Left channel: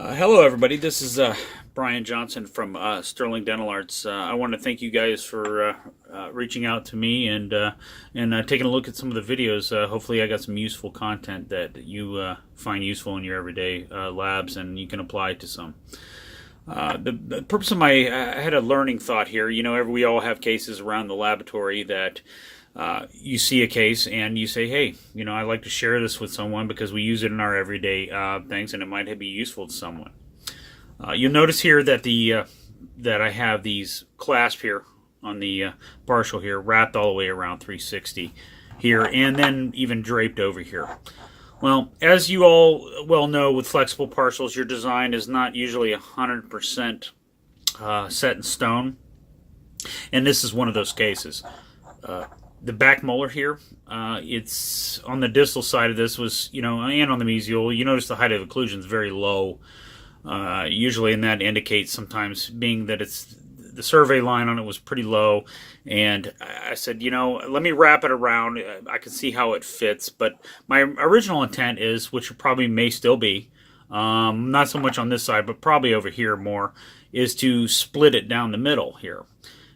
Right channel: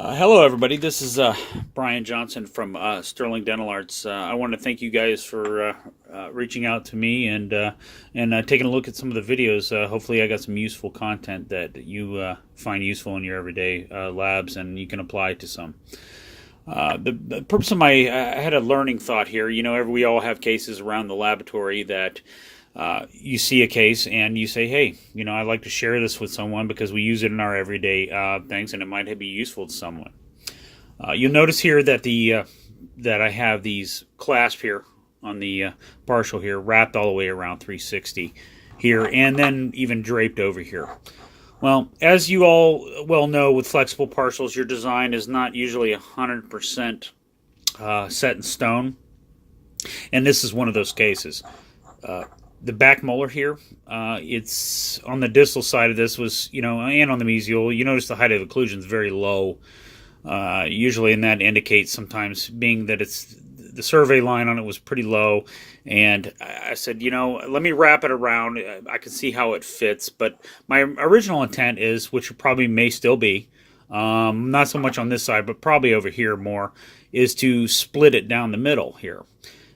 Hello, everybody. This is Brian Johnson from Sterling Dental Arts. I want to thank you guys for reaching out to me and taking a look at some of the videos. Hopefully, I got some useful content that you find useful in your everyday labs, and you can apply to some. The purpose of I had a learning thought here. You know, we all have cases around the laboratory that you see a case and you say, hey, you know, I'd like to share this with someone because we use it in our everyday things and it might be useful to someone. You'll notice here that that I have these clasp here on the partial here wrapped all the way around 360 here and then even draped over here. Well, as you all well know, with flexible partials, your design is not usually 100% set in stone, and this is one of those cases. The back molar here, it's on the distal side of this was, you know, and on the mesial, you notice the height of occlusion is very low, usually, and that indicates sometimes being that it's the survey line on it was pretty low, and I said, you know, let me wrap it around. I can see how it fits, but my original intent is, which probably may still be, not so much on this side, but probably over here more, is to split it down the middle here.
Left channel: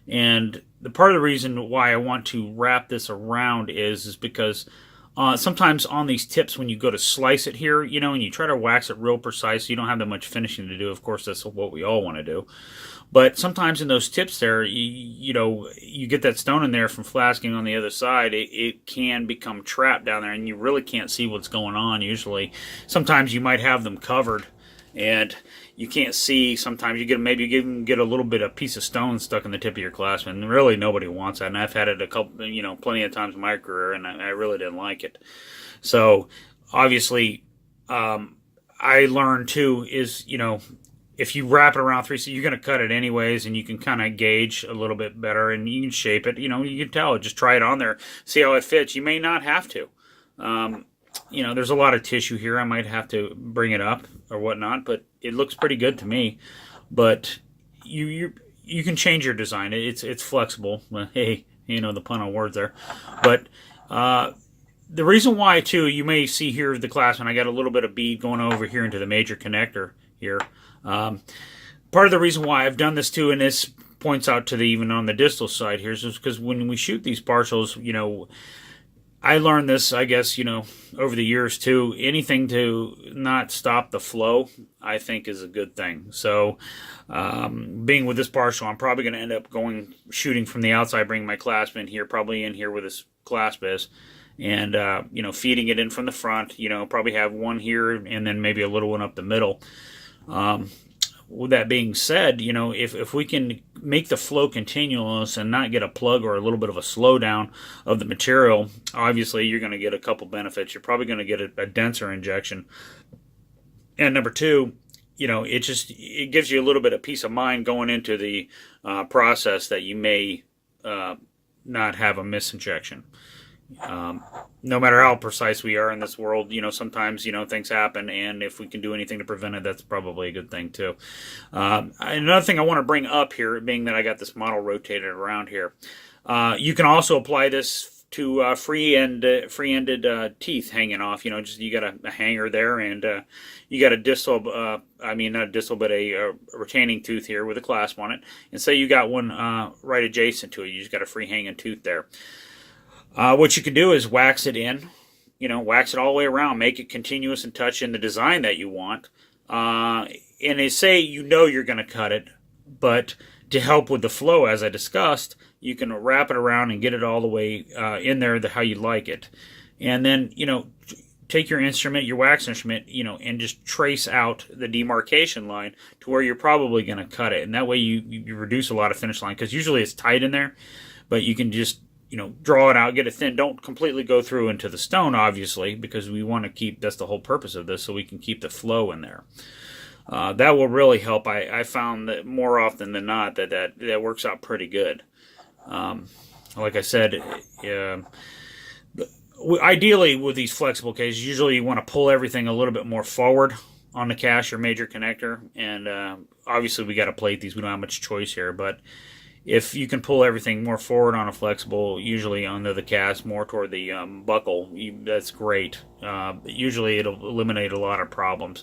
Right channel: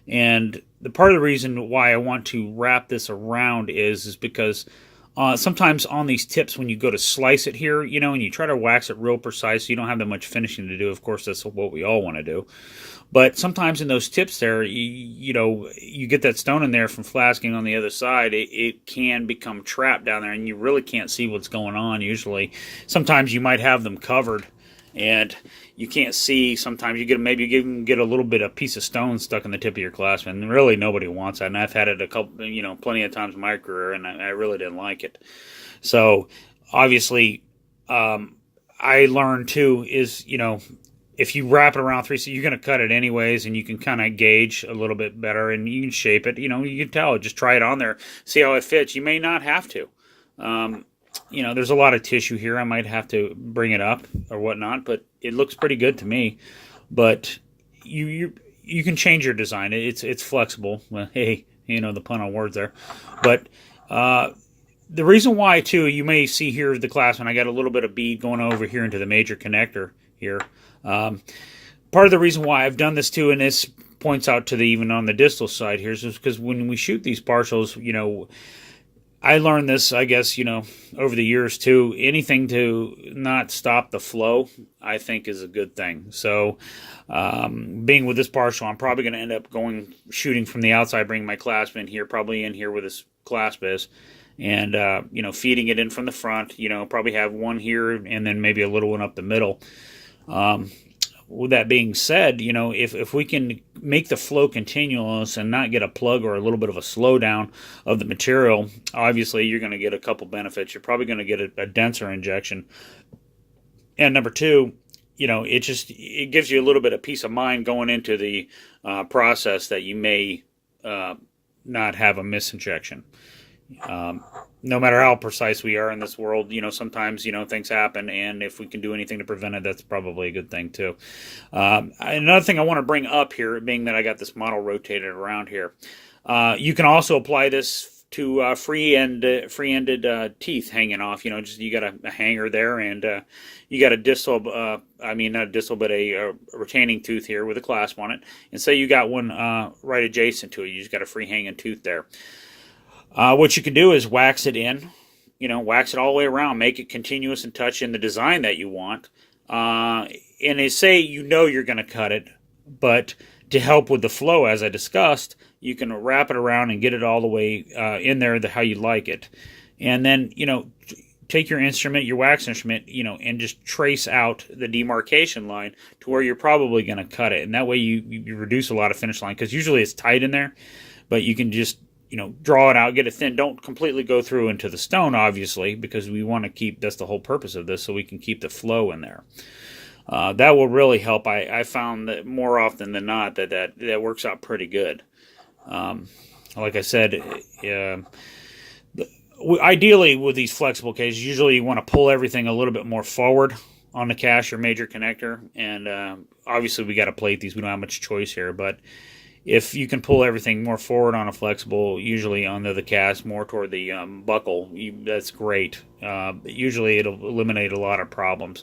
And the part of the reason why I want to wrap this around is because sometimes on these tips when you go to slice it here, you know, and you try to wax it real precise, you don't have that much finishing to do. Of course, that's what we all want to do. But sometimes in those tips there, you know, you get that stone in there from flasking on the other side, it can become trapped down there and you really can't see what's going on usually. Sometimes you might have them covered and you can't see. Sometimes you maybe get a little bit of piece of stone stuck in the tip of your clasp, and really nobody wants that. And I've had it plenty of times in my career, and I really didn't like it. So obviously, I learned too is, you know, if you wrap it around 3, so you're going to cut it anyways, and you can kind of gauge a little bit better, and you can shape it. You know, you can tell. Just try it on there, see how it fits. You may not have to. You know, there's a lot of tissue here. I might have to bring it up or whatnot, but it looks pretty good to me. But you can change your design. It's flexible. Well, hey, you know the pun on words there. But the reason why too, you may see here the clasp, and I got a little bit of bead going over here into the major connector here. Part of the reason why I've done this too, and this points out to the even on the distal side here, is because when we shoot these partials, you know, I learned this, I guess, you know, over the years too. Anything to not stop the flow, I think, is a good thing. So, being with this partial, I'm probably going to end up shooting from the outside, bringing my clasp in here, probably in here where this clasp is, and, you know, feeding it in from the front. You know, probably have one here and then maybe a little one up the middle. With that being said, you know, if we can make the flow continuous and not get a plug or a little bit of a slowdown of the material, obviously you're going to get a couple benefits. You're probably going to get a denser injection. And number two, you know, it gives you a little bit of peace of mind going into the process that you may not have a misinjection. No matter how precise we are in this world, you know, sometimes, you know, things happen, and if we can do anything to prevent it, that's probably a good thing too. Another thing I want to bring up here, being that I got this model rotated around here, you can also apply this to free-ended teeth hanging off. You know, just you got a hanger there, and you got a distal, not a distal, but a retaining tooth here with a clasp on it, and so you got one right adjacent to it. You just got a free hanging tooth there. What you can do is wax it in, you know, wax it all the way around, make it continuous and touch in the design that you want. And they say you know you're going to cut it, but to help with the flow, as I discussed, you can wrap it around and get it all the way in there how you like it. And then, you know, take your instrument, your wax instrument, you know, and just trace out the demarcation line to where you're probably going to cut it. And that way you reduce a lot of finish line, because usually it's tight in there, but you can just, you know, draw it out, get it thin. Don't completely go through into the stone, obviously, because we want to keep, that's the whole purpose of this, so we can keep the flow in there. That will really help. I found that more often than not that works out pretty good. Like I said, ideally with these flexible cases, usually you want to pull everything a little bit more forward on the cache or major connector, and obviously we got to plate these. We don't have much choice here, but if you can pull everything more forward on a flexible, usually under the cast, more toward the buckle, that's great. Usually it'll eliminate a lot of problems.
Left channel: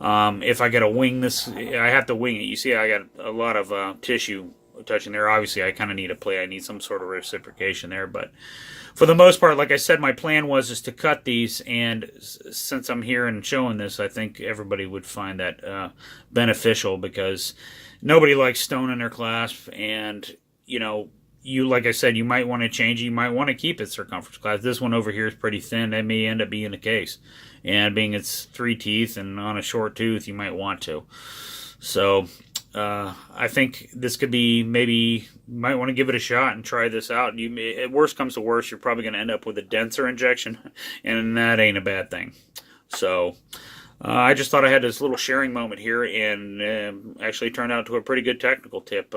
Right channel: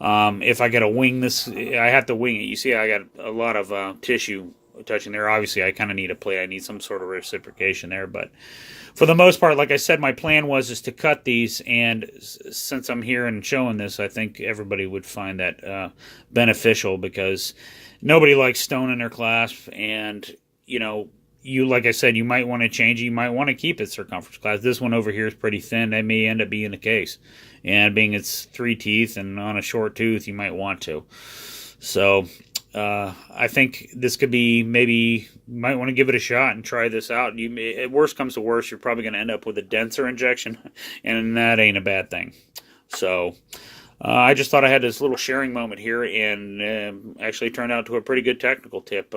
If I got to wing this, I have to wing it. You see, I got a lot of tissue touching there. Obviously, I kind of need a plate. I need some sort of reciprocation there, but for the most part, like I said, my plan was is to cut these, and since I'm here and showing this, I think everybody would find that beneficial, because nobody likes stone in their clasp, and you, like I said, you might want to change it. You might want to keep its circumference clasp. This one over here is pretty thin. That may end up being the case, and being it's 3 teeth and on a short tooth, you might want to. So I think this could be, maybe you might want to give it a shot and try this out. At worst comes to worst, you're probably going to end up with a denser injection, and that ain't a bad thing. So I just thought I had this little sharing moment here, and actually turned out to a pretty good technical tip.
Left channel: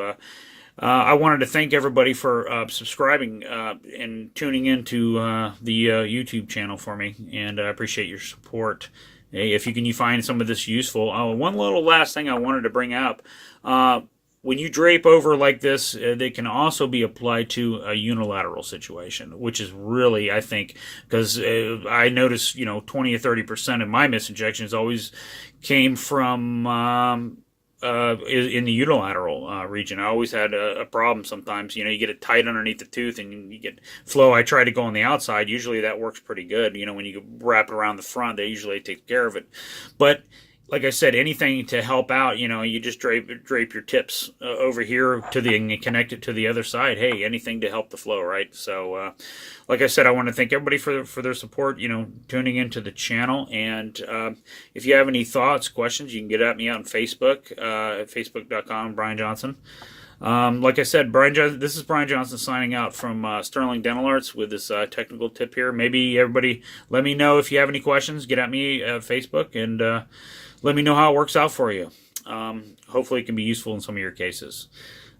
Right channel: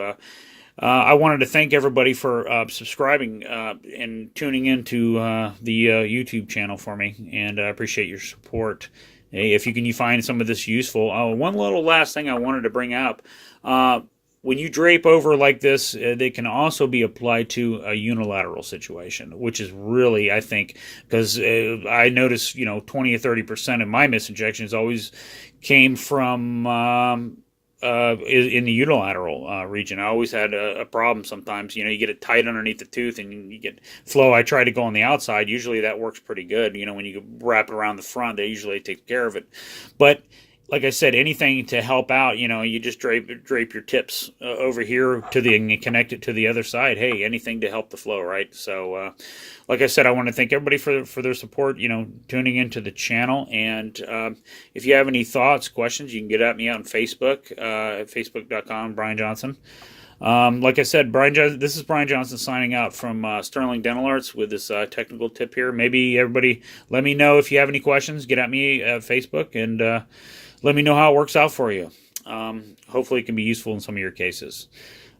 I wanted to thank everybody for subscribing and tuning into the YouTube channel for me, and I appreciate your support. If you can find some of this useful. One little last thing I wanted to bring up. When you drape over like this, they can also be applied to a unilateral situation, which is really, I think, because I noticed, 20 or 30% of my misinjections always came from in the unilateral region. I always had a problem sometimes. You get it tight underneath the tooth and you get flow. I try to go on the outside. Usually that works pretty good. When you wrap it around the front, they usually take care of it. But like I said, anything to help out, you just drape your tips over here and connect it to the other side. Hey, anything to help the flow, right? So, like I said, I want to thank everybody for their support, tuning into the channel. And if you have any thoughts, questions, you can get at me on Facebook, at facebook.com, Brian Johnson. Like I said, this is Brian Johnson signing out from Sterling Dental Arts with this technical tip here. Maybe everybody, let me know if you have any questions. Get at me at Facebook, and let me know how it works out for you. Hopefully it can be useful in some of your cases.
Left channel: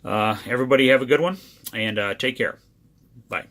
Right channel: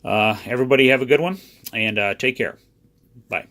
Everybody have a good one, and take care. Bye.